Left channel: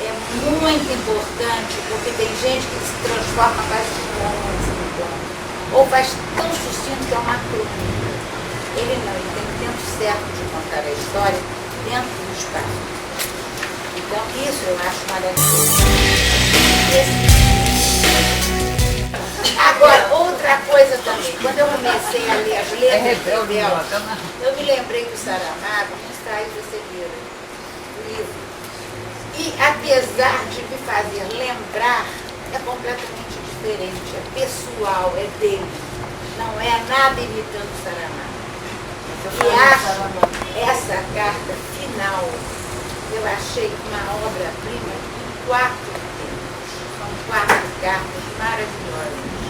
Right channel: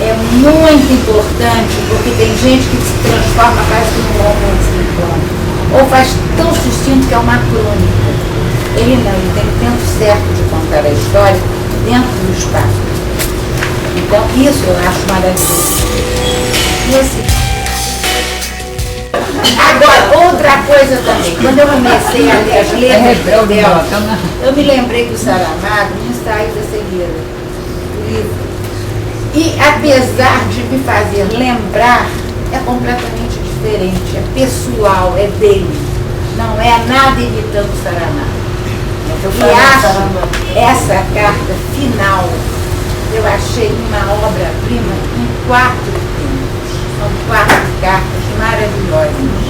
é muito importante, porque tem gente que se transforma quase num romance no plano, ou faz tão sucinto que é uma crônica. Ele não, ele tem o tempo certo de contar a história dentro do espaço. Então, isso eu acho maravilhoso. Agora, outra coisa também, quando eu comecei a ler as letras dela, eu me lembrei do Saramago, no Ensaio da Cegueira, o livro. E apesar de me fazer lembrar, é completamente diferente, é pessoal, é dele. Não é nada imitando o Saramago. E acho essa carta final, eu achei uma obra-prima em 4 tempos. São 4 cartas maravilhosas.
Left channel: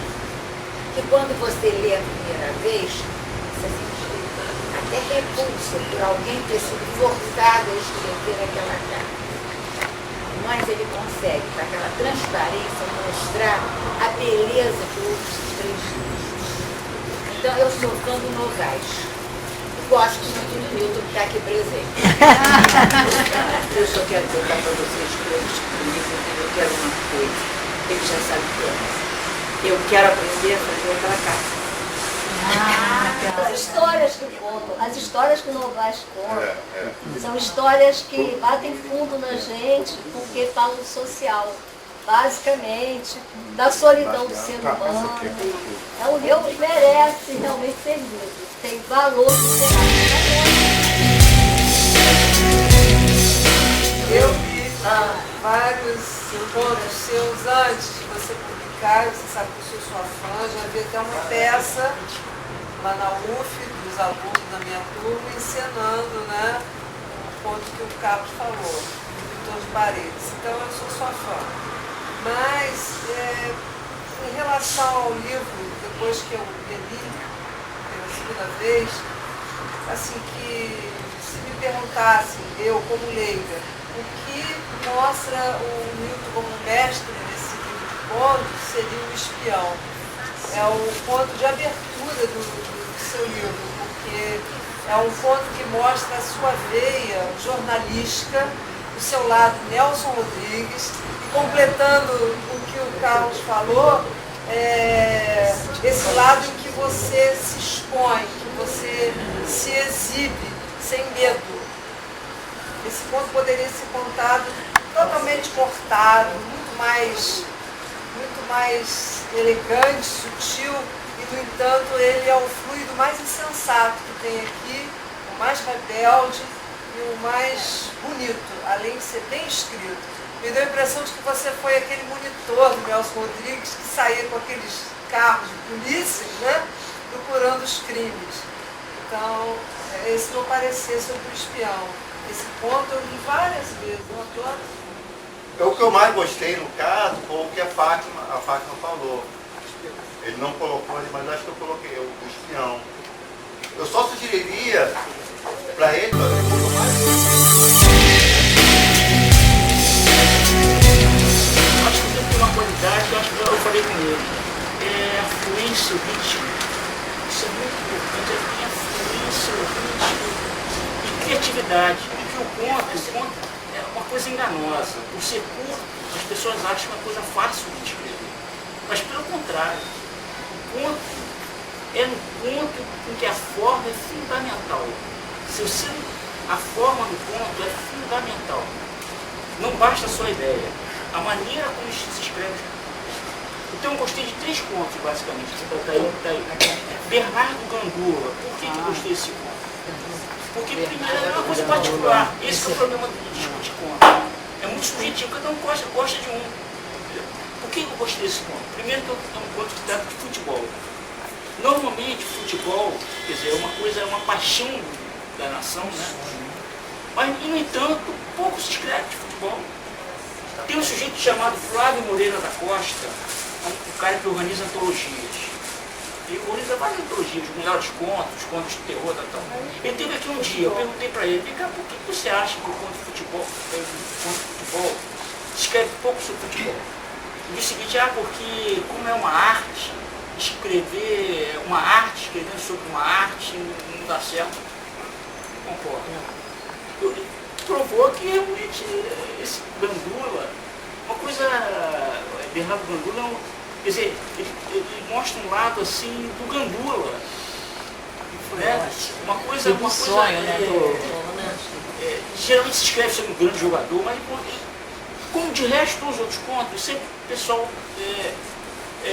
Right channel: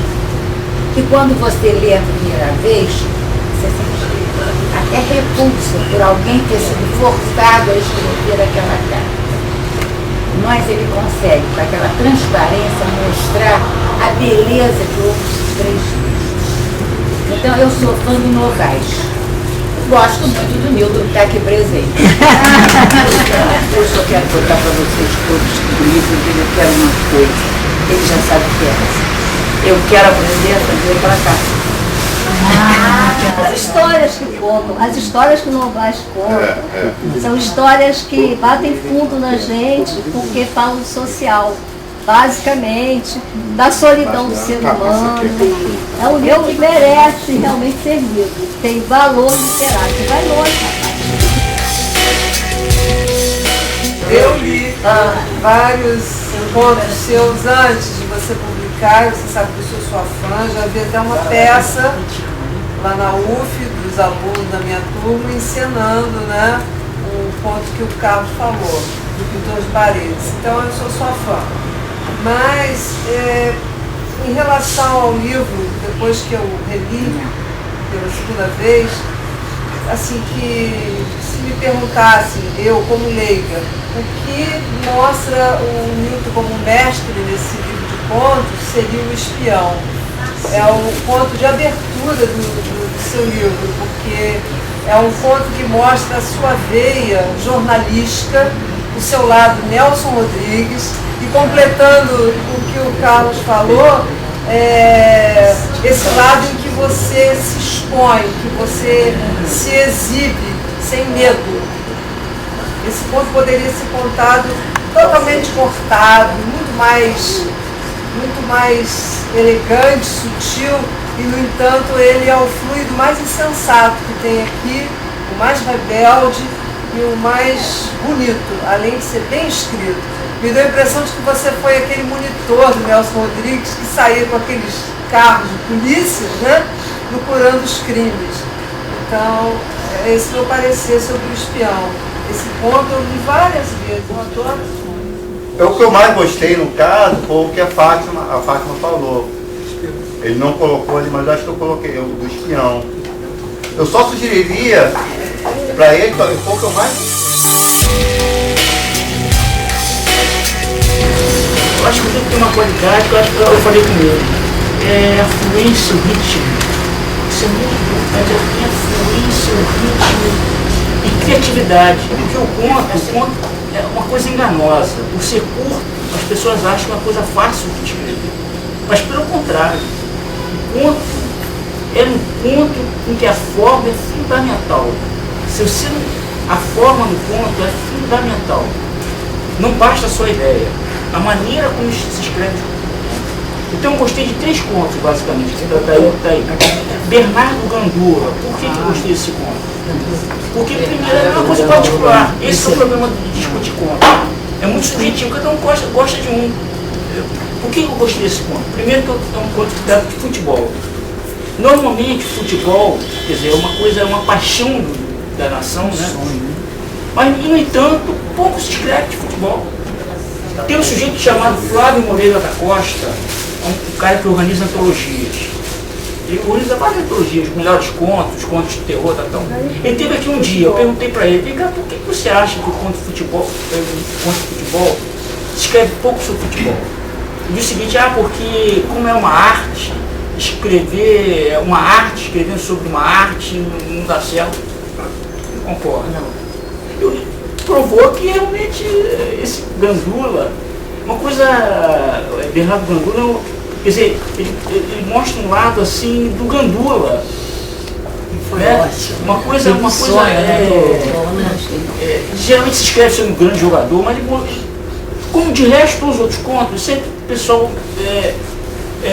Que quando você lê a primeira vez, você sente até repulsa por alguém ter sido forçado a escrever aquela carta. Mas ele consegue, com aquela transparência, mostrar a beleza de outros 3 textos. Então, eu sou fã do Novaes. Gosto muito do Nildo que está aqui presente. Eu só quero contar para vocês todos que o livro dele eu quero uma coisa. Ele já sabe o que é. Eu quero aprender a fazer aquela carta. As histórias que contam, as histórias que o Novaes conta, são histórias que batem fundo na gente porque falam do social, basicamente, da solidão do ser humano. É um livro que merece realmente ser lido, tem valor literário, vai longe. Eu li vários contos seus antes de você publicar, você sabe que eu sou sua fã, já vi até uma peça lá na UF, dos alunos da minha turma, encenando, né, o conto que o Carlos falou, do Pintor de Paredes. Então eu sou sua fã. Mas, em relação ao livro, depois que eu reli pela segunda vez, assim, que se me perguntassem, eu como leiga, o que mostra o Nilton como mestre nesse livro de contos seria O Espião. É o conto de abertura do seu livro, porque é um conto que mostra a sua veia jornalística, o seu lado Nelson Rodrigues, e completando o que o Carlos falou, esse lado em que você se expõe, que você se exibe sem medo. Esse conto poderia ser contado totalmente cortado, muito mais elegante, sutil, e no entanto ele é o fluido mais insensato que tem aqui, o mais rebelde e o mais bonito, além de ser bem escrito. Me deu a impressão de que você foi aquele monitor do Nelson Rodrigues que saía com aqueles carros de polícia, né, procurando os crimes. Então, esse é o meu parecer sobre O Espião. Esse conto eu li várias vezes, eu adoro esse conto. O que eu mais gostei, no caso, foi o que a Fátima falou. Ele não colocou ali, mas acho que eu coloquei, do Espião. Eu só sugeriria para ele, foi o que eu mais... Eu acho que o livro tem uma qualidade que eu falei com ele. É a fluência, o ritmo. Isso é muito importante, é a fluência, o ritmo e criatividade. Porque o conto é uma coisa enganosa. Por ser curto, as pessoas acham uma coisa fácil de escrever. Mas pelo contrário, o conto é um conto em que a forma é fundamental. A forma no conto é fundamental. Não basta a sua ideia. A maneira como se escreve. Então eu gostei de 3 contos, basicamente, que está aí. Bernardo Gandula. Por que eu gostei desse conto? Porque, primeiro, é uma coisa particular. Esse é o problema de discutir conto. É muito subjetivo, cada um gosta de um. Por que eu gostei desse conto? Primeiro que é um conto que trata de futebol. Normalmente, futebol, quer dizer, é uma paixão da nação, né? Mas, no entanto, pouco se escreve de futebol. Tem um sujeito chamado Flávio Moreira da Costa, um cara que organiza antologias. Ele organiza várias antologias, os melhores contos, os contos de terror, tal. Ele teve aqui um dia, eu perguntei para ele, por que você acha que o conto de futebol se escreve pouco sobre futebol? Ele disse o seguinte, porque como é uma arte, escrevendo sobre uma arte não dá certo. Eu concordo. provou que realmente esse Gandula, uma coisa, Bernardo Gandula, quer dizer, ele mostra um lado assim do Gandula. Foi Né? ótimo. Uma coisa geralmente se escreve sobre um grande jogador, mas como de resto os outros contos, sempre o pessoal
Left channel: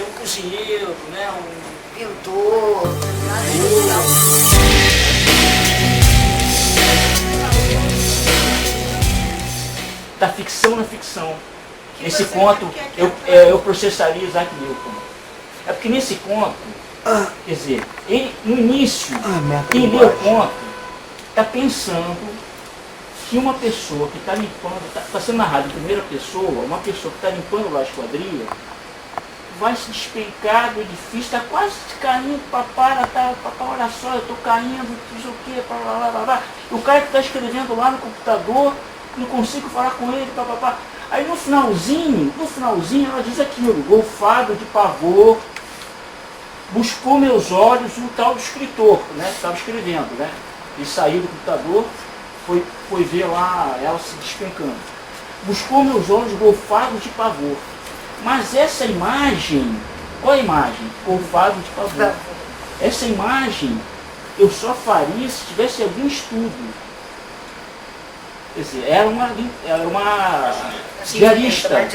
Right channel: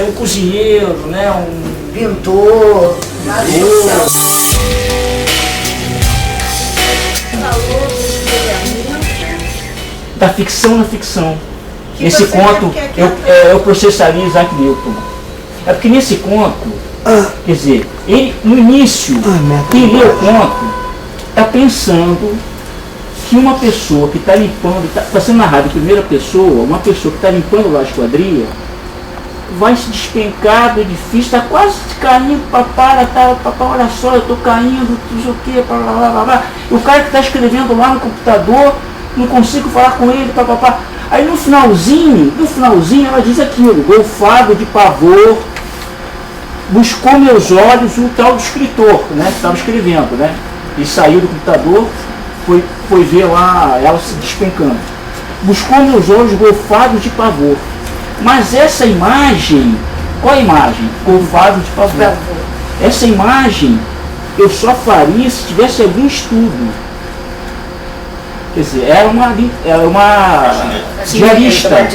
um cozinheiro, né? Um Pintor, da ficção na ficção. Nesse conto eu processaria Isaac Newton. É porque nesse conto, quer dizer, ele no início, quem lê o conto está pensando que uma pessoa que está limpando, está sendo narrado em primeira pessoa, uma pessoa que está limpando lá a esquadria, vai se despencar do edifício, está quase caindo, papai, olha só, eu estou caindo, não sei o que, blá, blá, blá, blá. O cara que está escrevendo lá no computador, não consigo falar com ele, papapá. Aí no finalzinho ela diz aquilo, golfado de pavor, buscou meus olhos o tal do escritor, né, que estava escrevendo, né? Ele saiu do computador, foi ver lá ela se despencando. Buscou meus olhos golfados de pavor. Mas essa imagem, qual a imagem? Golfado de pavor. Essa imagem eu só faria se tivesse algum estudo. Quer dizer, era uma diarista.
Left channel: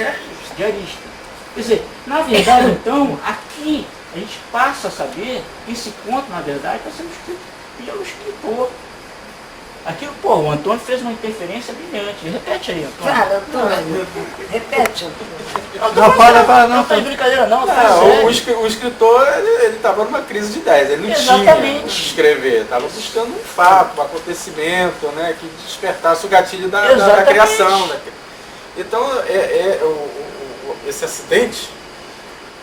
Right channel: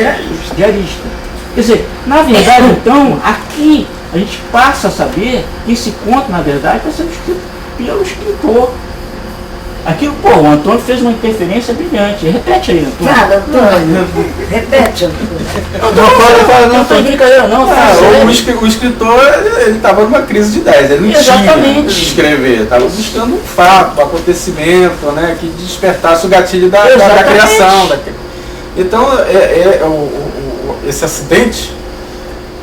Quer dizer, na verdade, então, aqui a gente passa a saber que esse conto, na verdade, está sendo escrito pelo escritor. Aquilo, o Antônio fez uma interferência brilhante. Repete aí, Antônio. Nada, Antônio. Repete, Antônio. Não, fala, Não estou de brincadeira, não. O escritor, ele estava numa crise de ideias, ele não tinha o que escrever, estava buscando um fato, um acontecimento, né, que despertasse o gatilho da criação. Então, esse acidente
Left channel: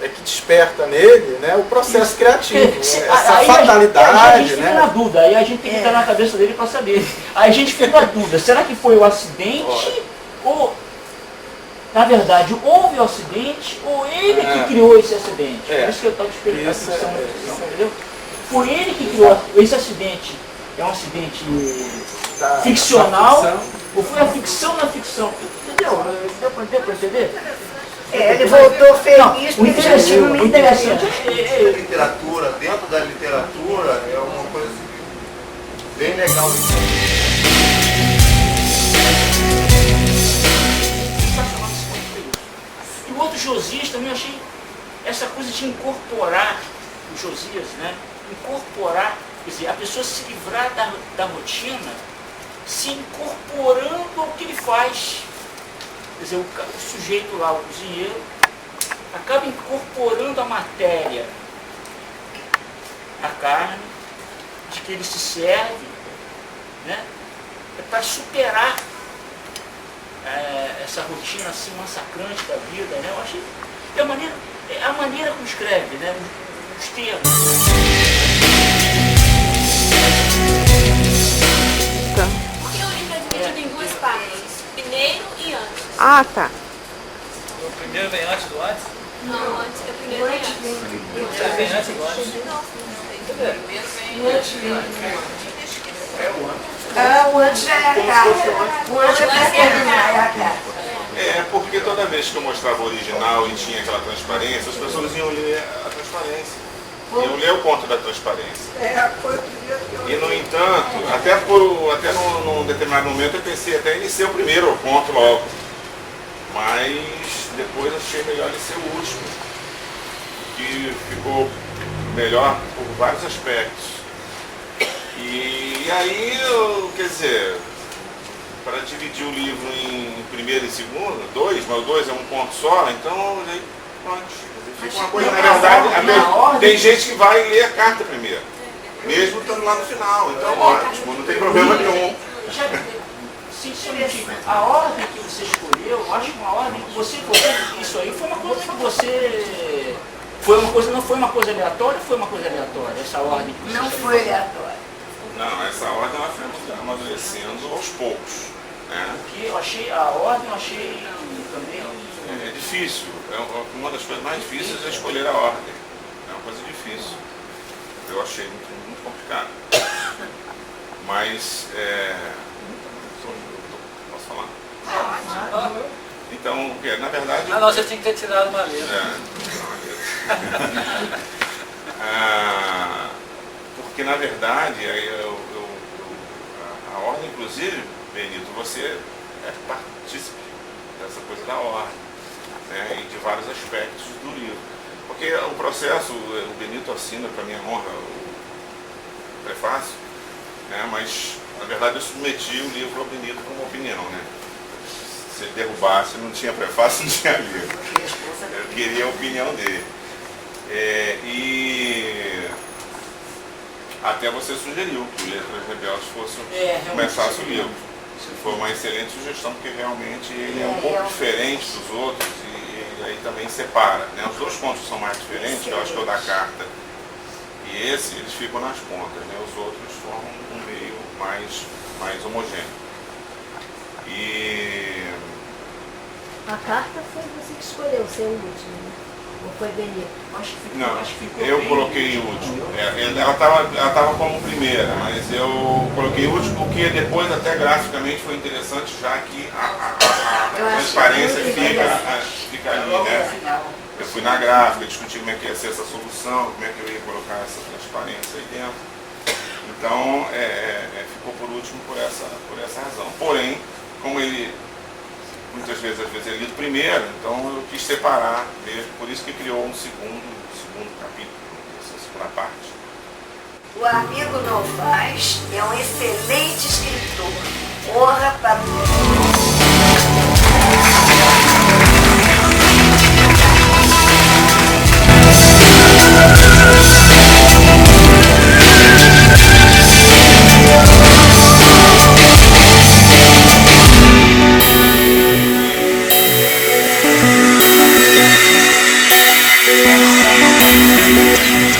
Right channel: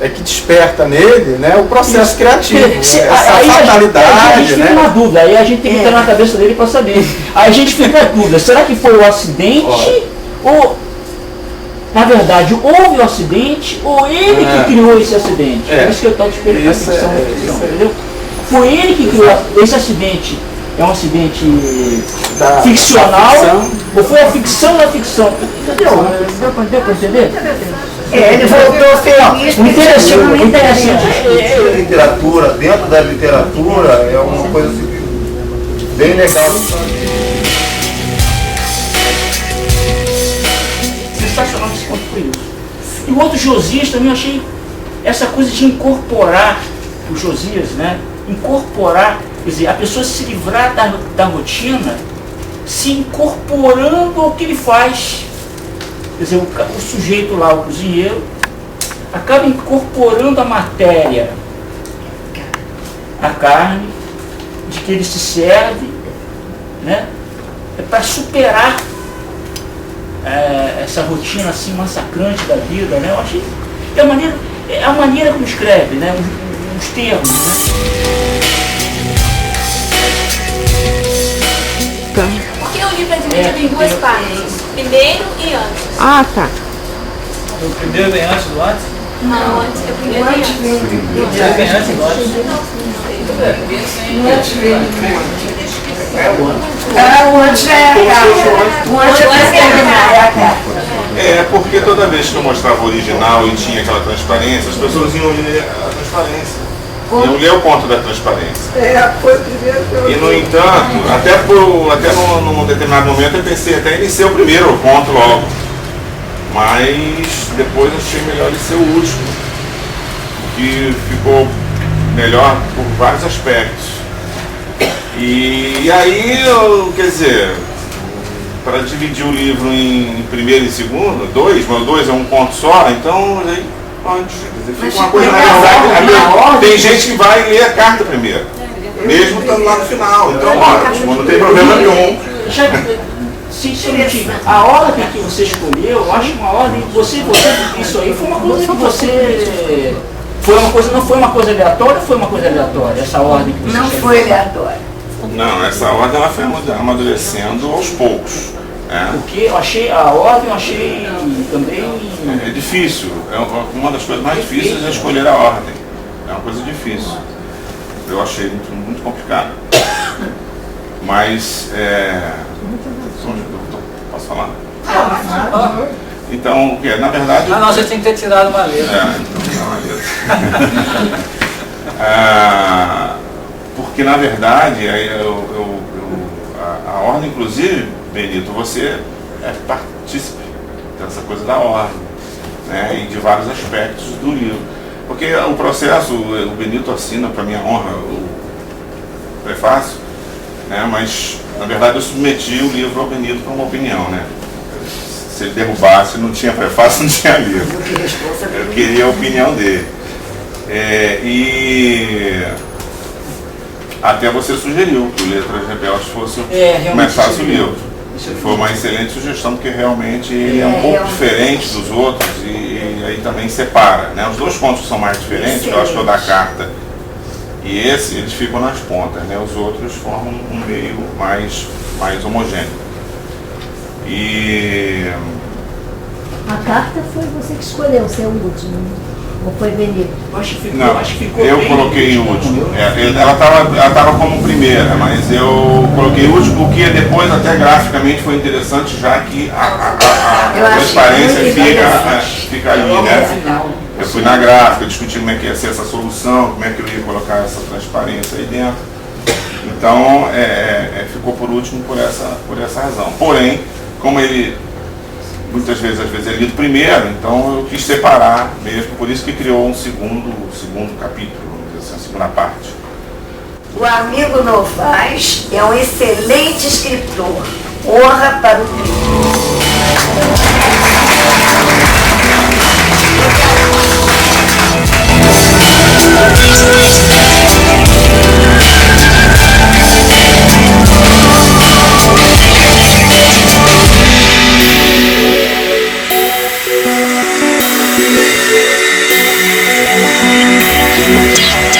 é que desperta nele, né, o processo criativo, essa fatalidade. A gente fica na dúvida, aí a gente tem que entrar na cabeça dele para saber. Aí a gente fica na dúvida, será que foi o acidente ou, na verdade, houve o acidente ou ele que criou esse acidente? É isso que eu estou te perguntando, a ficção, entendeu? Foi ele que criou esse acidente. É um acidente ficcional ou foi a ficção da ficção? Entendeu? Deu para entender? Ele voltou feliz. O interessante Literatura, dentro da literatura, é uma coisa assim, bem legal. Sensacional esse conto foi isso. E o outro Josias também eu achei essa coisa de incorporar, o Josias, né? Incorporar, quer dizer, a pessoa se livrar da rotina, se incorporando ao que ele faz. Quer dizer, o sujeito lá, o cozinheiro, acaba incorporando a matéria, a carne, de que ele se serve, né? Para superar essa rotina assim massacrante da vida, né? Eu achei a maneira como escreve, né? Os termos, né? Porque o livro é dividido em duas partes, primeiro e antes. Ah, tá. O primeiro vem antes do antes? Não, antes é o primeiro e antes. O primeiro vem antes do antes? O antes é a carta. O antes é terminar, é a carta. É, porque toda vez que eu mostrava o original e tinha aquela transparência, as pessoas iam ler a transparência. Iam ler o conto da transparência. E no entanto, até num determinado momento eu pensei até em ser o primeiro conto logo. Mas depois achei melhor ele ser o último. Que ficou melhor por vários aspectos. E aí, quer dizer, para dividir o livro em primeiro e segundo, mas o dois é um conto só, então aí pode. Fica uma coisa, na verdade, tem gente que vai ler a carta primeiro, mesmo estando lá no final, então ótimo, não tem problema nenhum. Sinceramente, a ordem que você escolheu, eu acho uma ordem que isso aí foi uma coisa que você. Não foi uma coisa aleatória ou foi uma coisa aleatória, essa ordem que você Não escolheu? foi aleatória. Não, essa ordem ela foi amadurecendo aos poucos. Porque a ordem eu achei também. É difícil, uma das coisas mais difíceis é escolher a ordem. É uma coisa difícil. Eu achei muito complicado. Mas Posso falar? Então, na verdade... Ah, não, você tinha que ter tirado uma letra. Porque, na verdade, a ordem, inclusive, Benito, você é partícipe dessa coisa da ordem, né, e de vários aspectos do livro. Porque o processo, o Benito assina, para minha honra, o prefácio, né, mas, na verdade, eu submeti o livro ao Benito para uma opinião, né? Se ele derrubasse, não tinha prefácio, não tinha livro. Eu queria a opinião dele. E até você sugeriu que o Letras Rebeldes começasse o livro. Foi uma excelente sugestão, porque realmente ele é um pouco diferente dos outros e aí também separa, né? Os dois contos são mais diferentes, eu acho que é o da carta e esse, eles ficam nas pontas, né? Os outros formam um meio mais homogêneo. E A carta foi você que escolheu ser o último, ou foi Benito? não, eu coloquei o último. Ela estava como primeira, mas eu coloquei o último, porque depois até graficamente foi interessante, já que a transparência fica ali, né? Eu fui na gráfica, discuti como é que ia ser essa solução, como é que eu ia colocar essa transparência aí dentro. Então, ficou por último por essa razão. Porém, como ele muitas vezes, às vezes é lido primeiro, então eu quis separar mesmo, por isso que criou um segundo capítulo, vamos dizer assim, a segunda parte. O amigo Novaes é um excelente escritor. Honra para o Thank you.